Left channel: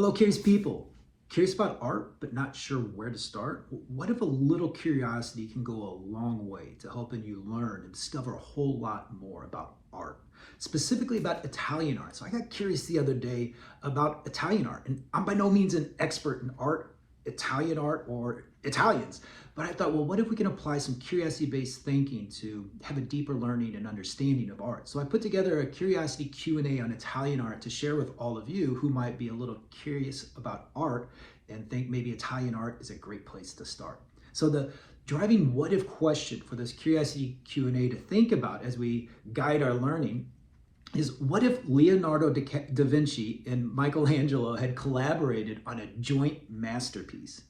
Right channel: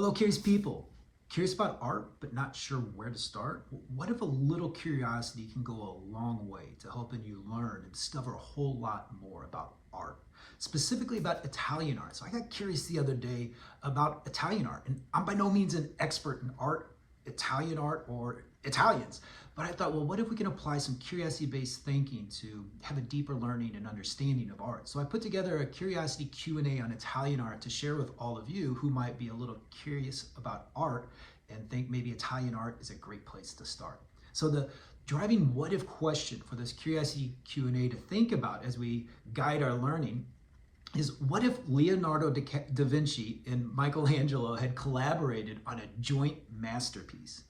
Hello, curious people. Curious about art, but not sure where to start? What if a little curiosity can go a long way to helping you learn and discover a whole lot more about art, specifically about Italian art? So I got curious the other day about Italian art, and I'm by no means an expert in art, Italian art, or Italians. But I thought, well, what if we can apply some curiosity-based thinking to have a deeper learning and understanding of art? So I put together a curiosity Q&A on Italian art to share with all of you who might be a little curious about art and think maybe Italian art is a great place to start. So the driving what if question for this curiosity Q&A to think about as we guide our learning is, what if Leonardo da Vinci and Michelangelo had collaborated on a joint masterpiece?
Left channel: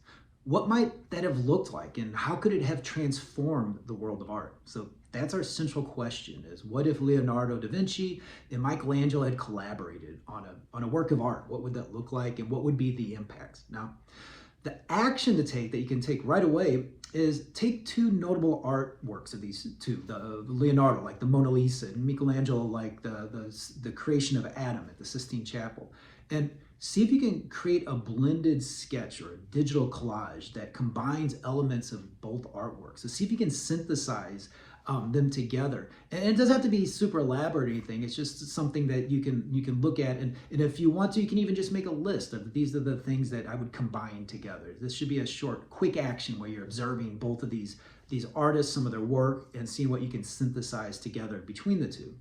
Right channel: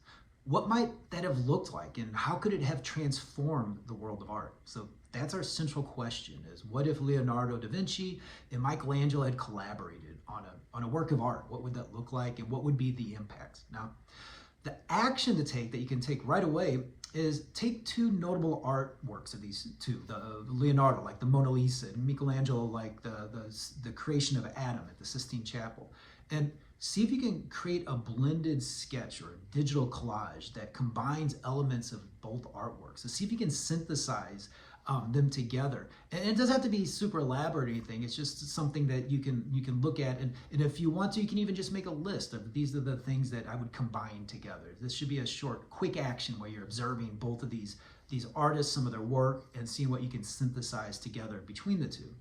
What might that have looked like, and how could it have transformed the world of art? So that's our central question, is what if Leonardo da Vinci and Michelangelo had collaborated on a work of art? What would that look like, and what would be the impacts? Now, the action to take that you can take right away is take two notable artworks of these two, the Leonardo, like the Mona Lisa, and Michelangelo, like the creation of Adam at the Sistine Chapel, and see if you can create a blended sketch or a digital collage that combines elements of both artworks. So see if you can synthesize them together. And it doesn't have to be super elaborate or anything. It's just something that you can look at, and if you want to, you can even just make a list of these are the things that I would combine together. This should be a short, quick action where you're observing both of these artists, some of their work, and seeing what you can synthesize together between the two.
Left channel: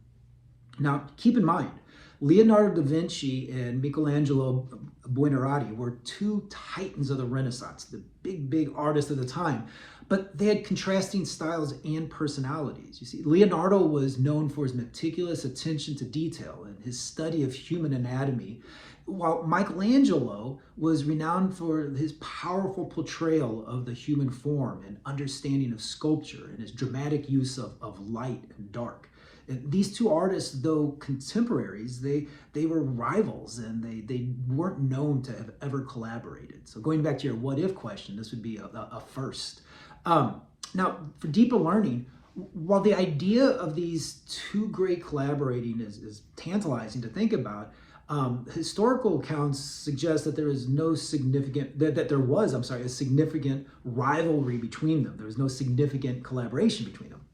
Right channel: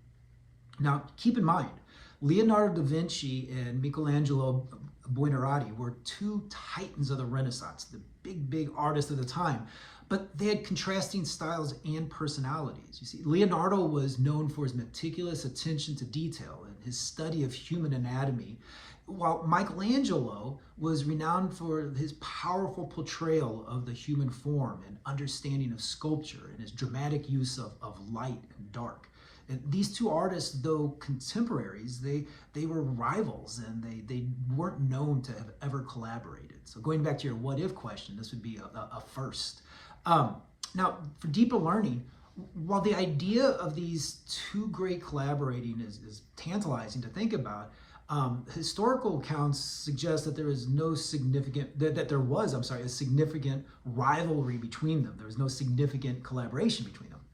Now, keep in mind, Leonardo da Vinci and Michelangelo Buonarroti were two titans of the Renaissance, the big artists of the time, but they had contrasting styles and personalities. You see, Leonardo was known for his meticulous attention to detail and his study of human anatomy, while Michelangelo was renowned for his powerful portrayal of the human form and understanding of sculpture and his dramatic use of light and dark. And these two artists, though contemporaries, they were rivals, and they weren't known to have ever collaborated. So going back to your what if question, this would be a first. Now, for deeper learning, while the idea of these two great collaborating is tantalizing to think about, historical accounts suggest that there was a significant rivalry between them. There was no significant collaboration between them.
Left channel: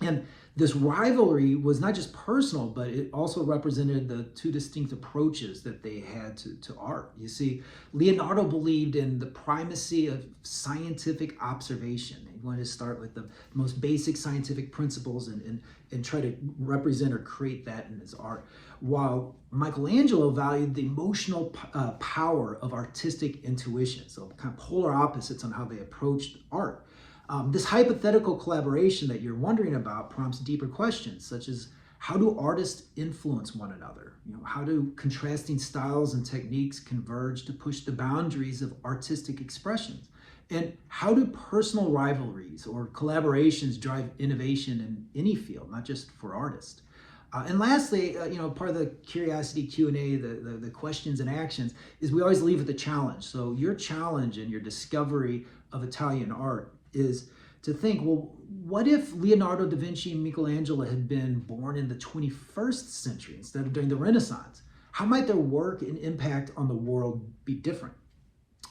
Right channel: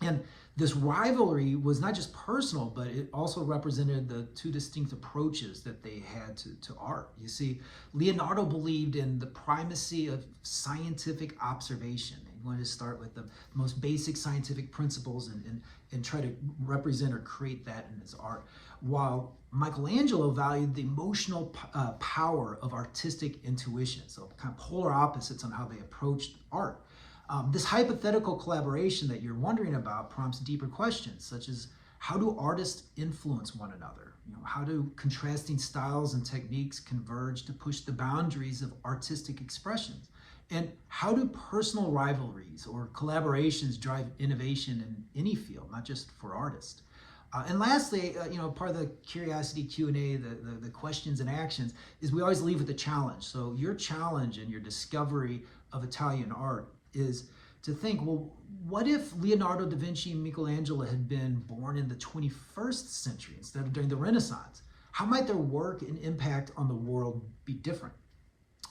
And this rivalry was not just personal, but it also represented the two distinct approaches that they had to art. You see, Leonardo believed in the primacy of scientific observation. He wanted to start with the most basic scientific principles and try to represent or create that in his art, while Michelangelo valued the emotional power of artistic intuition. So kind of polar opposites on how they approached art. This hypothetical collaboration that you're wondering about prompts deeper questions, such as, how do artists influence one another? How do contrasting styles and techniques converge to push the boundaries of artistic expressions? And how do personal rivalries or collaborations drive innovation in any field, not just for artists? And lastly, part of the curiosity Q&A, the questions and actions, is we always leave with a challenge. So your challenge in your discovery of Italian art is to think, well, what if Leonardo da Vinci and Michelangelo had been born in the 21st century instead of during the Renaissance? How might their work and impact on the world be different?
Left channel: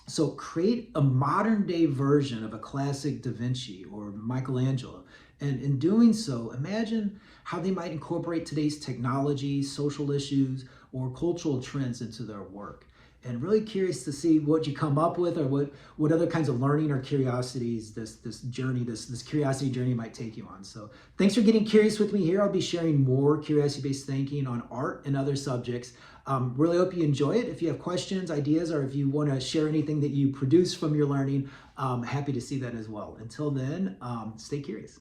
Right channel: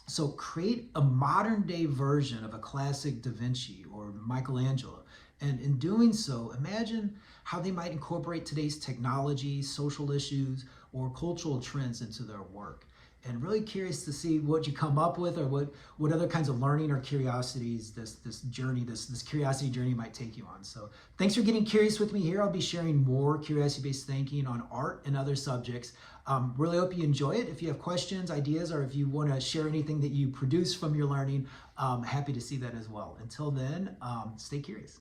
So create a modern day version of a classic Da Vinci or Michelangelo. And in doing so, imagine how they might incorporate today's technology, social issues, or cultural trends into their work. And really curious to see what you come up with, or what other kinds of learning or curiosities this curiosity journey might take you on. So thanks for getting curious with me here. I'll be sharing more curiosity-based thinking on art and other subjects. Really hope you enjoy it. If you have questions, ideas, or if you want to share anything that you produce from your learning, happy to see that as well. Until then, stay curious.